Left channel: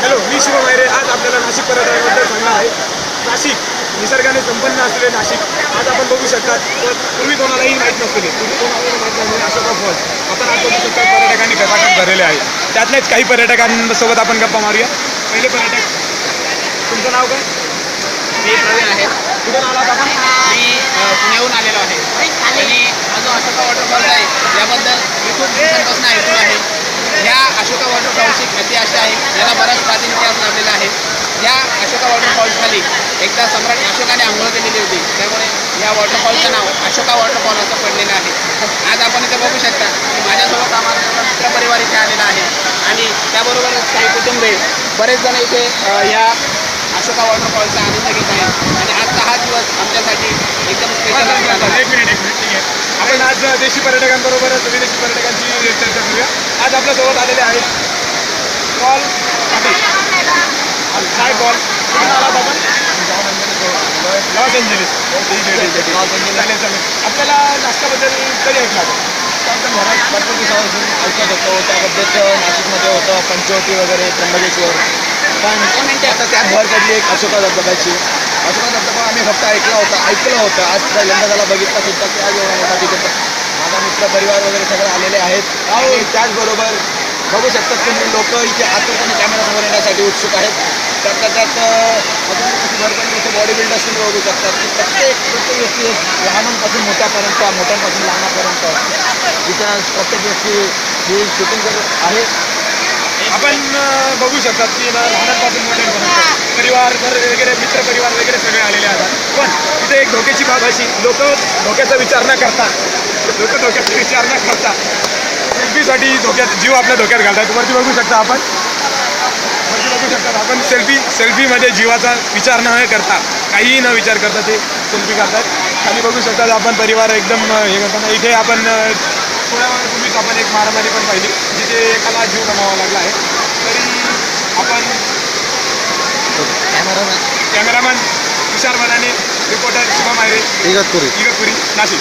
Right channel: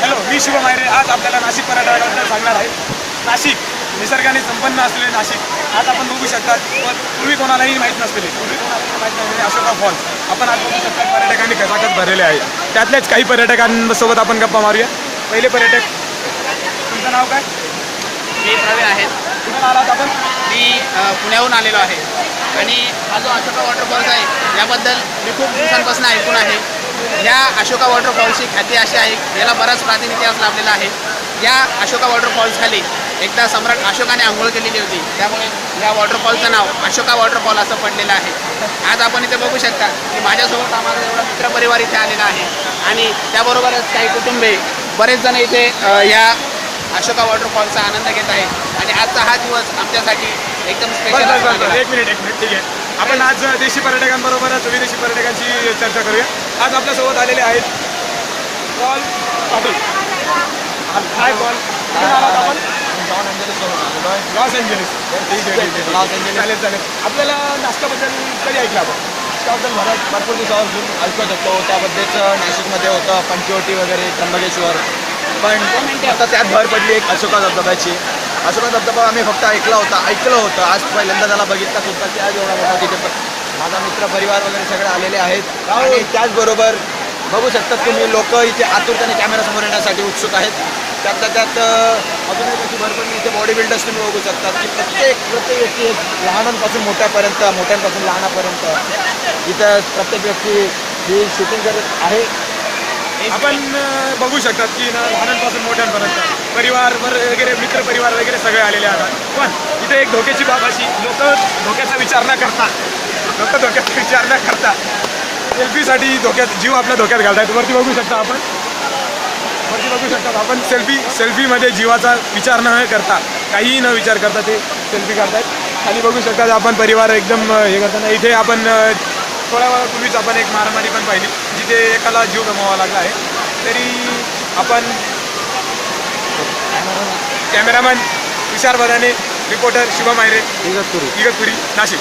Hello, मी शिव मायरे. आज आपल्याला नाशिक पर्यटनाबद्दल सांगणार आहे. नाशिक निसर्गाने संपन्न असलेले नाशिक. आज आपण बघू शकता, पूर्वी कोणालाही माहीत नसलेले, अशोका फॉल्स आपण आज बघू शकता. पर्यटकांनी खचाखच भरलेले आहे. त्यातल्याच काही पर्यटकांसोबत आपण गप्पा मारूया. पहिले पर्यटक, तुमचं नाव काय? कुठून आलात आपण? मी पुण्याहून आलेलो आहे आणि हा जो अशोका वॉटरफॉल्स आहे याबद्दल मी खूप दिवसांपासून ऐकून आहे. या अशोका वॉटरफॉल्सची ख्याती अशी आहे, याला बराच प्राचीन इतिहास लाभलेला आहे. या अशोका वॉटरफॉल्सखाली एकदा सम्राट अशोकाने अंघोळ केलेली होती, त्यामुळे या वॉटरफॉलचं नाव अशोका वॉटरफॉल असं पडलेलं आहे. आज आपण इथे बघू शकता की माझ्यासोबत आम्हाला मित्रपरिवार इथे आलेला आहे आणि त्याबरोबरच काही कुटुंबे बरेच जण इथे या अशोका वॉटरफॉलचा आनंद घेत आहेत आणि आजचा हा दिवस आमच्यासाठी एकदम स्पेशल. एक मिनिट ठीक आहे. आपण आज देशी पर्यटकांबरोबरच विदेशी पर्यटकांची चर्चा करूया. आज आपल्यासोबत आलेले आहेत पॉल पाटील. काय पॉल, कुठून आलात आपण? Los Angeles. चालेल. आपल्याला नाश्त्याबद्दल कधी ऐकलं आपण? त्याबद्दल घरात भरपूर दिवसापासून ऐकत होतो. त्याबद्दलच नाशिकमध्ये होतं पंचवटी वगैरे, त्र्यंबकेश्वर. पण आता त्यात भर पडली एक अशोका धबधब्याची. अशोका धबधबा आम्ही फक्त ऐकलं होतं. आज पहिल्यांदा त्याला बघितला सुद्धा. त्या जेव्हा तिथे माझा मित्र परिवार वगैरे सगळे आलेले आहेत आणि त्याचबरोबर बघू शकतात तुम्ही लोक इथे आतुरतेने कॅमेरासमोर येण्यासाठी उत्सुक आहेत. त्यात अजून कशी भरपूर इथे बॉडी बिल्डर्स तुम्ही बघू शकतात की प्रत्येक व्यक्ती लहानांपासून मोठ्यांपासून लहानापर्यंत इथं प्रत्येक व्यक्ती ही शूटिंग करत आहे. आपण बघू शकतात की लहानांपासून मोठ्यांपर्यंत परिवार वगैरे, मित्र परिवार वगैरे सगळे आलेले आहेत. पण इथे एक धोक्याची बाब अशी, लोक धोक्याचा विचार न करता सेल्फीसाठी जीव आपल्या धोक्यात घालतात. वरती बघू शकता आपण सेल्फीमध्ये जीवाचा विचार न करता, काहीही न विचार करता ते सेल्फी काढतात. खाली बघू शकता आपण परिवार एकदम हे करताना. इथे आपण थोड्या वेळापूर्वीच आपण एक मारामारी पण पाहिली, जिथे एकाला जीव गमावा लागला आहे. तरी आपण कॅमेरामॅन विशाल मदाने, रिपोर्टर शिव मायरे, इगतपुरी नाशिक.